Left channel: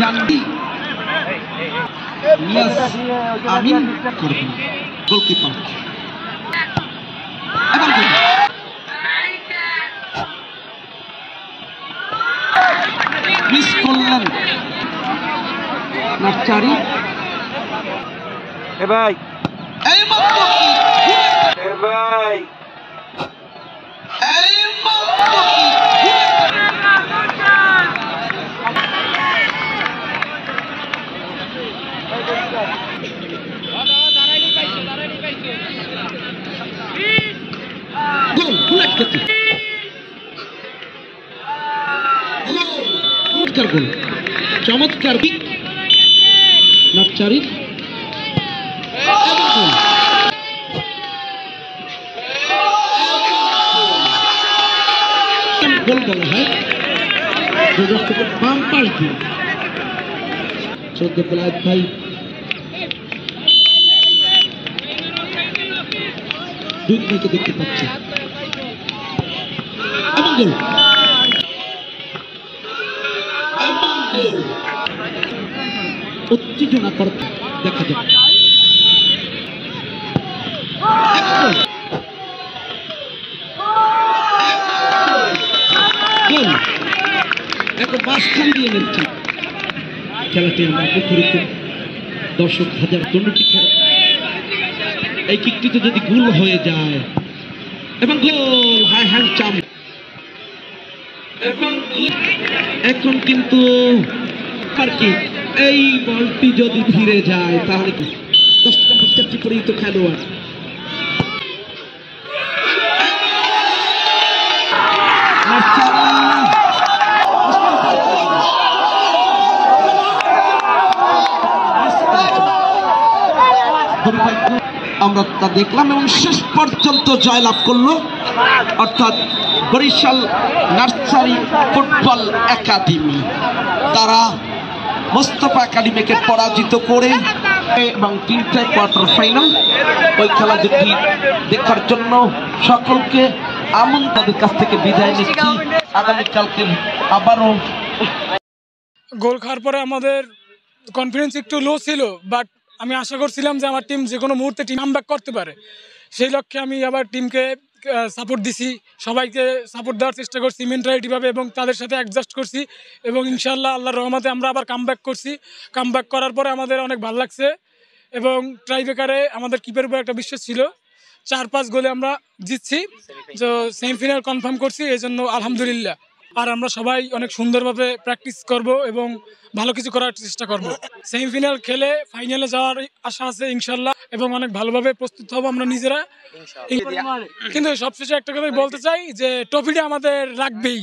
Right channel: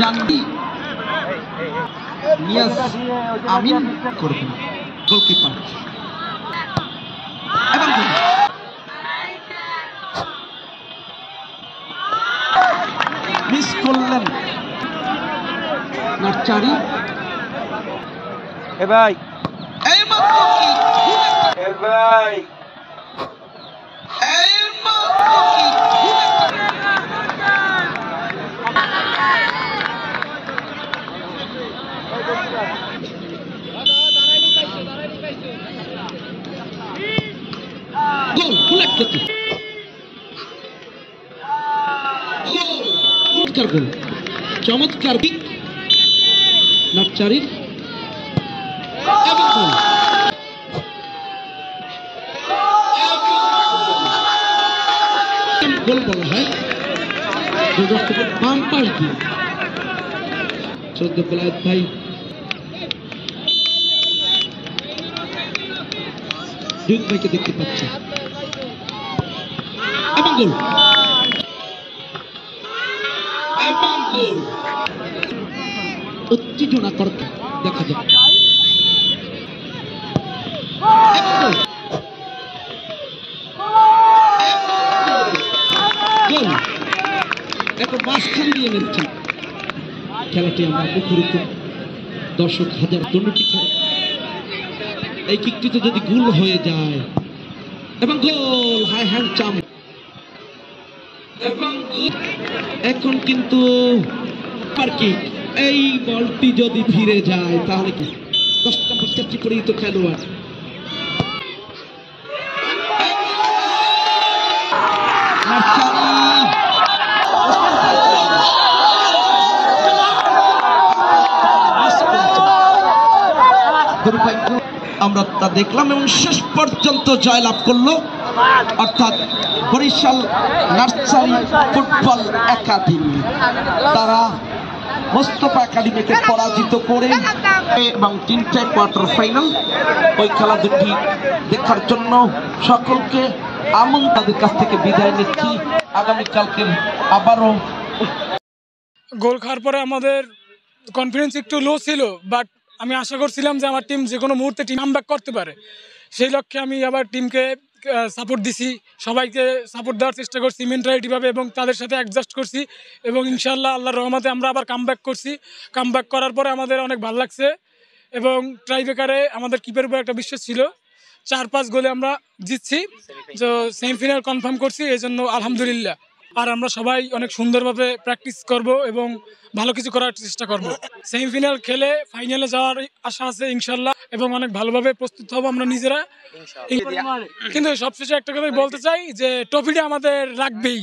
জানবি নিয়াজ আমিন করবেন গোলকিপার এবং মিস করলেন নার্চারি ভাই ভাই চমৎকার নার্চারি গোল বলা হয় বাম পাশ দিয়ে শ্রদ্ধা বেলায়েত ভাই দুই ভাইকে দেখতে পাচ্ছি এবং গোল উত্তেজনাকর দেখা যায় এখন বাস্তবে দিয়ে নিচ্ছি খেলাটি আমরা মুখরিত দর্শক হাজার দুর্নীতি খেলা এই কিকটিতে যদি গোল হয়ে যায় এবং গোল হাই হ্যান্ড চাম এখন কিন্তু এই বলটি যদি ফিরে যায় তাহলে কি 10টা 50টি করেই তো খেলোয়াড় আমরা তা দেখলাম এবং শেষ পর্যন্ত জয়লাভ করলো অর্থাৎ বরিশাল নার্সারি ফুটবল একাডেমি তারা মোস্তফা একাডেমিকে পরাজিত করে এবং 3টে কোয়ার্টার ফাইনাল ওই খেলা দুটি দেখার জন্য সকলকে তাদের কাছ থেকে বিদায় নিচ্ছি আগামীকালকে আবারও গোল খাওয়ার পরে আমাদের কনফিডেন্স একটু লো ছিল বাট আমি আশা করছিলাম যে আমার টিম যে কোনো মুহূর্তে টিম কামব্যাক করতে পারে সেই লক্ষ্যে আমি আবার টিমকে সাপোর্ট দিছি সবাইকে সাপোর্ট দেওয়ার চেষ্টা করছি মেন্টালিটিভাবে এবং তাদের সাথে অ্যাডজাস্ট করছি এবং ইনশাআল্লাহ আল্লাহর রহমতে আমরা আবার কামব্যাক করছি কামব্যাক করার পরে আমাদের অনেক ভালো লাগছে এবং ট্রাইবেকারে আমাদের কিপের উপর একটা বিশ্বাস ছিল 4-5 গোলে আমরা জিতছি তো সেমিফাইনাল কনফার্ম করছি এই জন্য আলহামদুলিল্লাহ আর আমরা সবাই অনেক সুন্দরভাবে প্র্যাকটিস করব এবং ভালো কিছু করার চেষ্টা করব সেমিফাইনাল খেলে ফাইনালে যাওয়ার আশা আছে ইনশাআল্লাহ এবং অনেক ভালোভাবে প্রস্তুত হব আমরা নিজেরা কিন্তু সবশেষে একটা কথাই বলতে চাই যে ট্রফিটা আমাদের লাগবেই